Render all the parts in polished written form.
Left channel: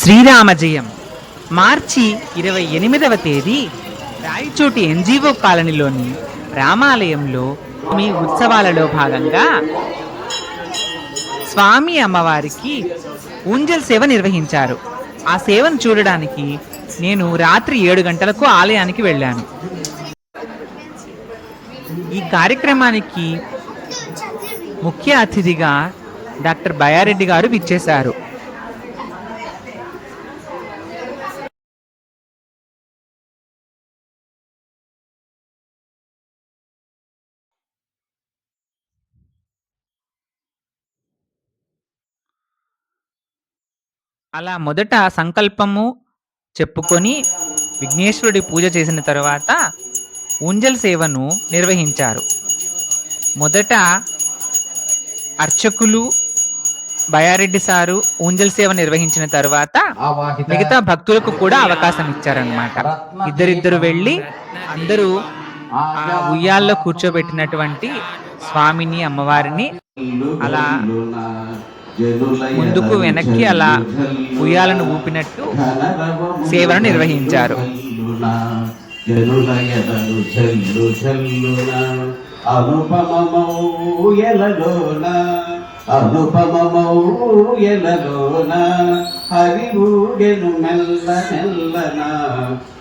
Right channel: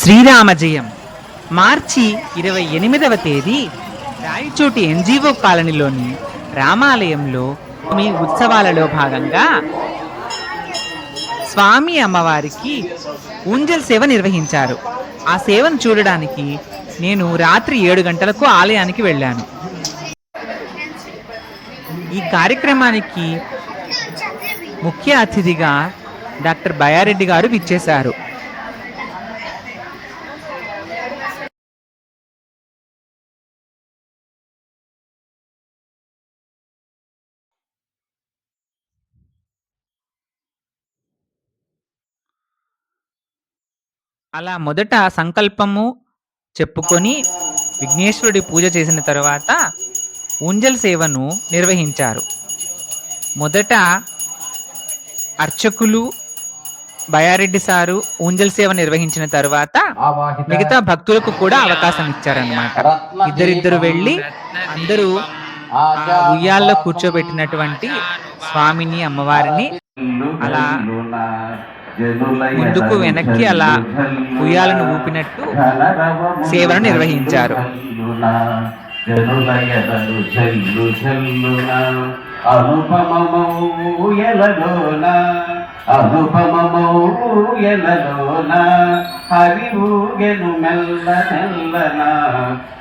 శ్రీరామ జయం మార్చి 28వ తేదీ రాయచోటి ఎన్జిఓ కాలనీలోని రామాలయంలో మీ ఉత్సవాలలో భాగంగా స్వామి అమ్మవారికి ఊంజల్ సేవ నిర్వహించారు. ఆ సేవను చూడడానికి నేను రాత్రి 7 గంటలకు ఆలయానికి వెళ్ళాను. ఈ కార్యక్రమానికి ముఖ్య అతిథిగా డాక్టర్ బయారెడ్డి గారు విచ్చేశారు. అలా మొదట సంకల్పము చెప్పుకొని విఘ్నేశ్వరుడి పూజ చేసిన తర్వాత ఊంజల్ సేవను నిర్వహించారు. మొదట అర్చకులు బయారెడ్డి సారు ఊంజల్ సేవ నిర్వహించిన తర్వాత మిగతా భక్తులకు కూడా అవకాశం ఇచ్చారన్నమాట. ఇద్దరిద్దరు వెళ్ళి అందరూ ఆ ఉయ్యాల్లో కూర్చోబెట్టినటువంటి స్వామిని అమ్మవారిని అలా ముందుకు వెనక్కి అలా ఉయ్యాలను ఊపినట్టు సేవను నిర్వహించారు. హరిఊగెను మెల్ల మెల్లన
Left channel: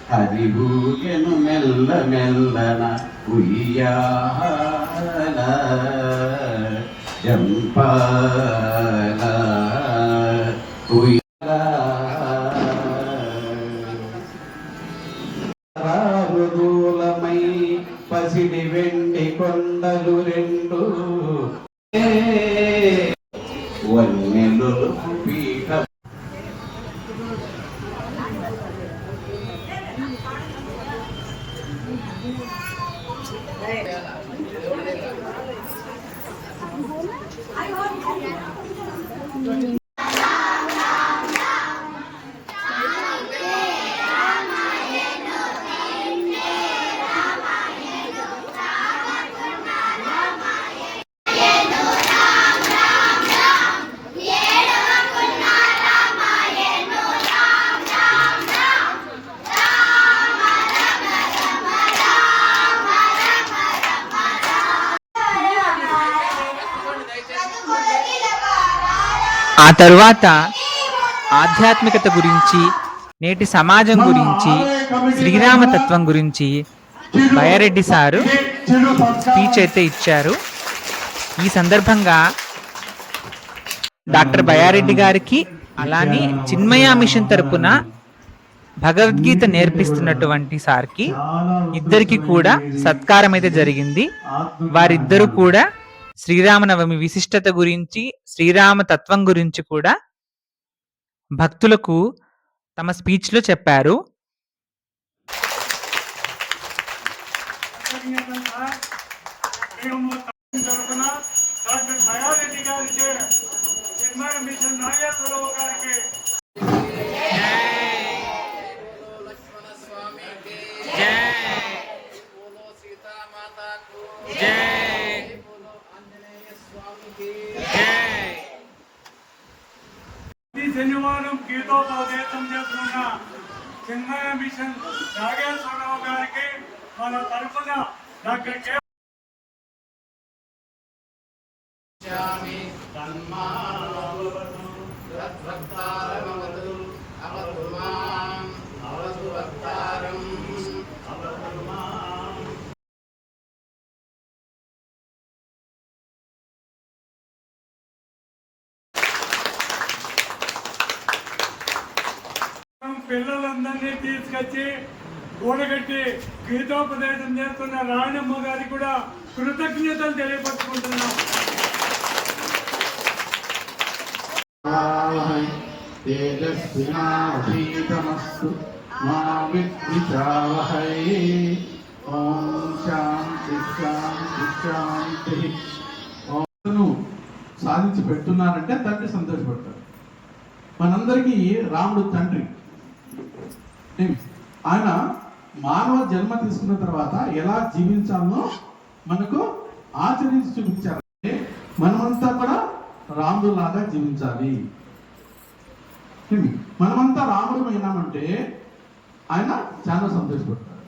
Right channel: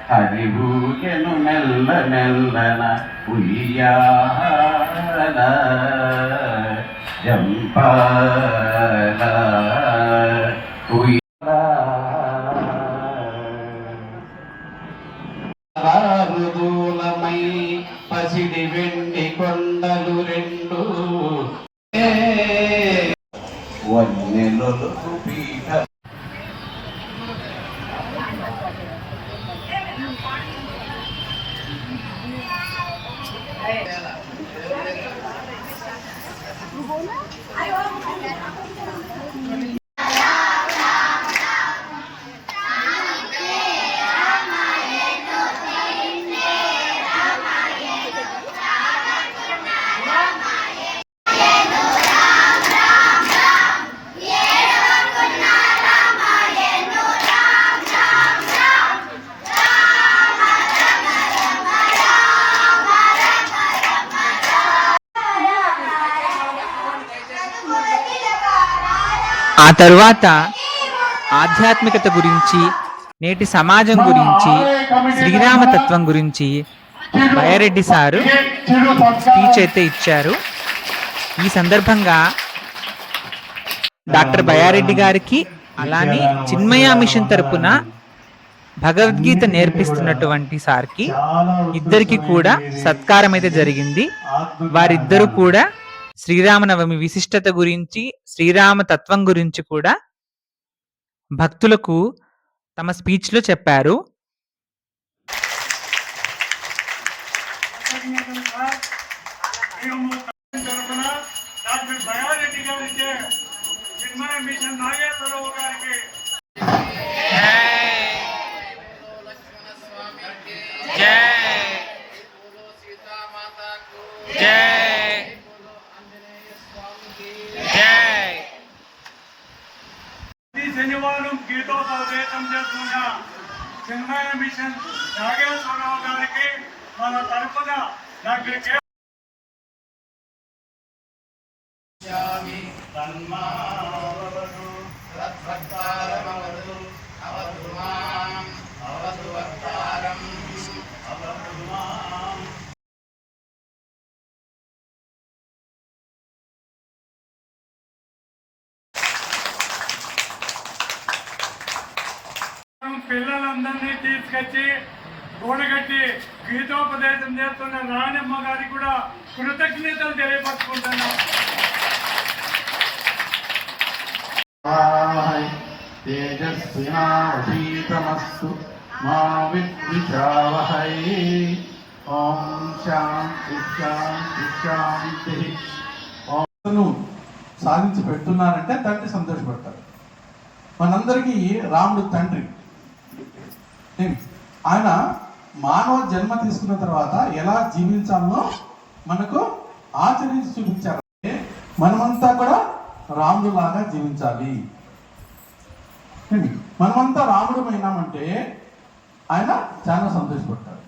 హరిఊగెను మెల్ల మెల్లన ఉయ్యాల జంపాల ఉయ్యాలమై పసిడి వెండి కొండలు రెండు వన్నెలు పీఠ ఆ తరువాత ఆధ్యాత్మికత గురించి, నేటి సమాజం గురించి, శ్రీరామతత్వం గురించి బయారెడ్డి సారు స్పీచ్ అయితే ఇచ్చారు. ఈ సందర్భంగా డాక్టర్ బయారెడ్డి గారికి అలానే చిన్మయ మిషన్ తరపున భగవద్గీత నేర్పిస్తున్నటువంటి సార్కి ఇద్దరికి కూడా సత్కారం అయితే జరిగింది. వారిద్దరూ కూడా శ్రీరామనవమి విశిష్టత గురించి, శ్రీరామ తత్వం గురించి కూడా భక్తులకు తమ స్పీచ్లో చెప్పారు. శనివారం గీతోపదేశం చేస్తున్న చిన్మయ మిషన్ నాగేశ్వరరావు గారికి మన తరఫున డాక్టర్ పిల్లలందరినీ తీసుకొచ్చి కూడగట్టి గీతోపదేశం చేస్తున్న రాణమ్మ గారికి కూడా కృతజ్ఞతలు తెలియపరుచుకుంటున్నాం. తేజస్వినాధీతమస్తు మా విద్విషావహై. ఓం శాంతి శాంతి శాంతి. సాధించి పెడుతున్నారంటే తండ్రి సంతోషపడతారు. మనందరికీ రాముడు తండ్రి. ఆయన మానవ జన్మ తీసుకున్న తర్వాత ఎలా జీవించాలో మనకు ఆచరించి చూపించారు. మనమంతా కూడా రాముడు లాగా జీవించాలి. మనమంతా రాముడు అయినామంటే ఆయన చాలా సంతోషపడతాడు.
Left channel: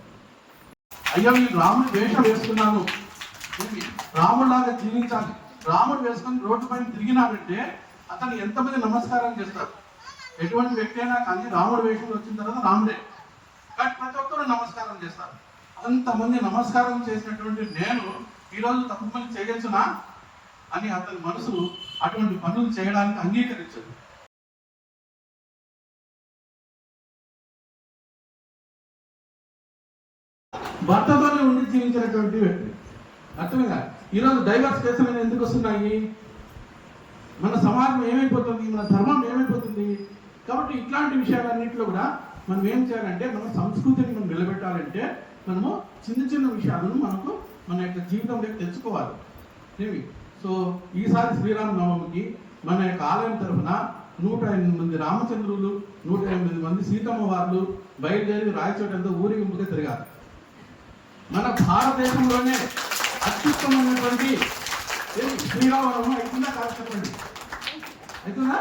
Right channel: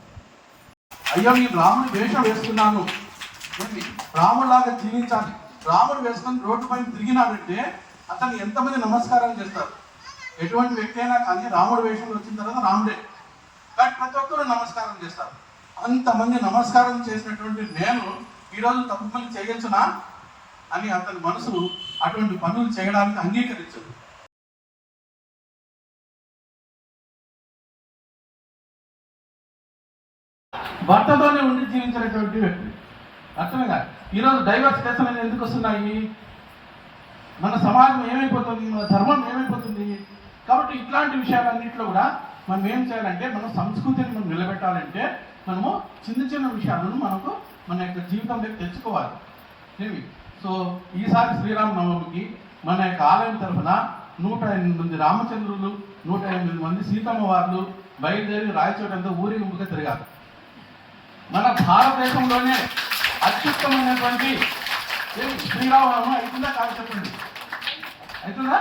అయ్యా మీరు రాముడు వేషం వేసుకున్నాను, రాముడిలాగా జీవించాలి, రాముడు వేసుకొని రోడ్డు పైన తిరిగినాడంటే అతను ఎంతమంది నమస్కారం చేస్తారు. ఎటువంటి వ్యక్తి అయినా కానీ రాముడు వేషం వచ్చిన తర్వాత రాముడే, కానీ ప్రతి ఒక్కరు నమస్కారం చేస్తారు. అంతమంది నమస్కారం చేసినటువంటి నేను ఈరోజు తప్పు పని చేయొచ్చునా అని అతని మనసు అటువంటి పనులు చేయడానికి అంగీకరించదు. భర్తతోనే ఉండి జీవించినటువంటి వ్యక్తి. అర్థమేగా ఈరోజు డైవర్స్ కేసులు అనేది ఎందుకు వస్తున్నాయి? మన సమాజం ఏమైపోతుంది, మన ధర్మం ఏమైపోతుంది. కాబట్టి ఇట్లాంటి విషయాలన్నింటిలో కూడా మనం ఏం చేయాలంటే, మన సంస్కృతిని మనం నిలబెట్టాలంటే మనము చిన్న చిన్న విషయాలను మనకు మన యొక్క జీవితంలోకి తెచ్చుకోవాలి. ఏమి సో ఈసారి శ్రీరామనవమికి మన యొక్క ఆలయం తరఫున 108 మంది రామచంద్రులు, 108 మంది సీతమ్మ వార్లు బయలుదేరి రాయచోటంతా ఊరేగింపుగా తిరిగారు. మన భారతదేశంలోనే అత్యుత్తమైనటువంటి శ్రీరామనవమి అవుతుందా కాదు చెప్పండి, అవుతుందా?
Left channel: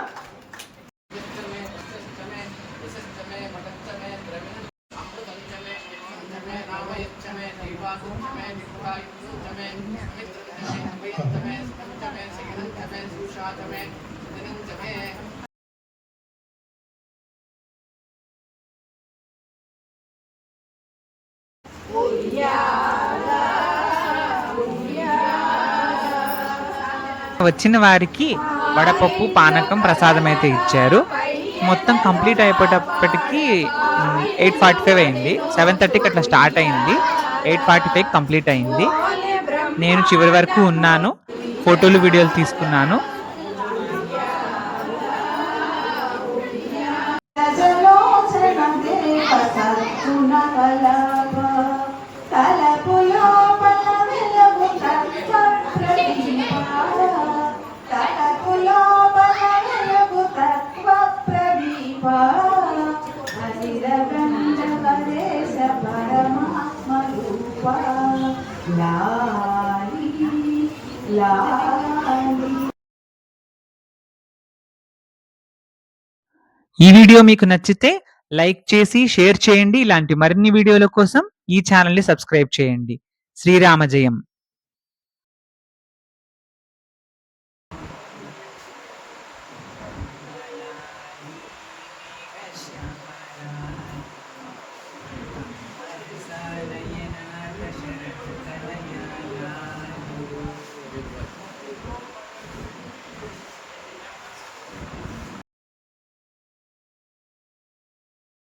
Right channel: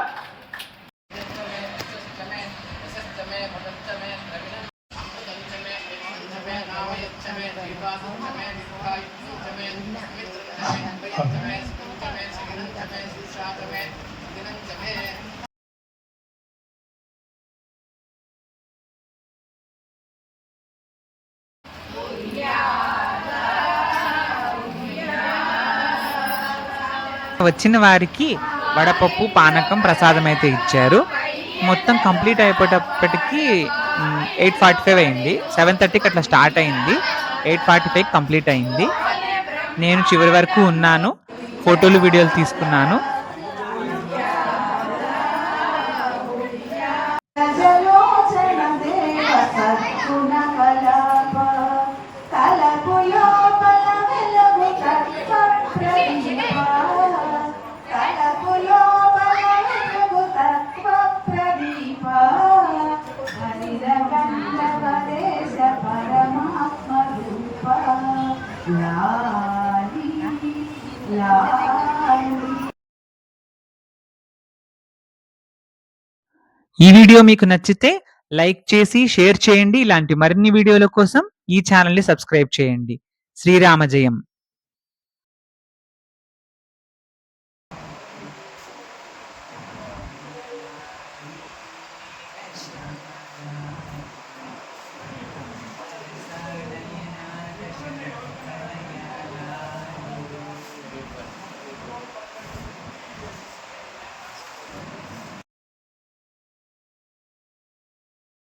వచ్చిన వారికి వడపప్పు, పానకం, ప్రసాదం అయితే ఇచ్చారు. మొత్తం కంప్లీట్ అయిపోయేటప్పటికి 8:45 అయింది. 7:30కి అట్లా స్టార్ట్ అయింది. 8:45 కంప్లీట్ అయింది. నేను చివరి వరకు ఉన్నాను, ఫోటోలు వీడియోలు తీసుకున్నాను. ఈ వీడియో మీకు నచ్చితే లైక్ చేసి షేర్ చేయండి. ఇలాంటి మరిన్ని వీడియోల కోసం ఈ ఛానల్ ని సబ్స్క్రైబ్ చేయండి. శ్రీరామ జయం.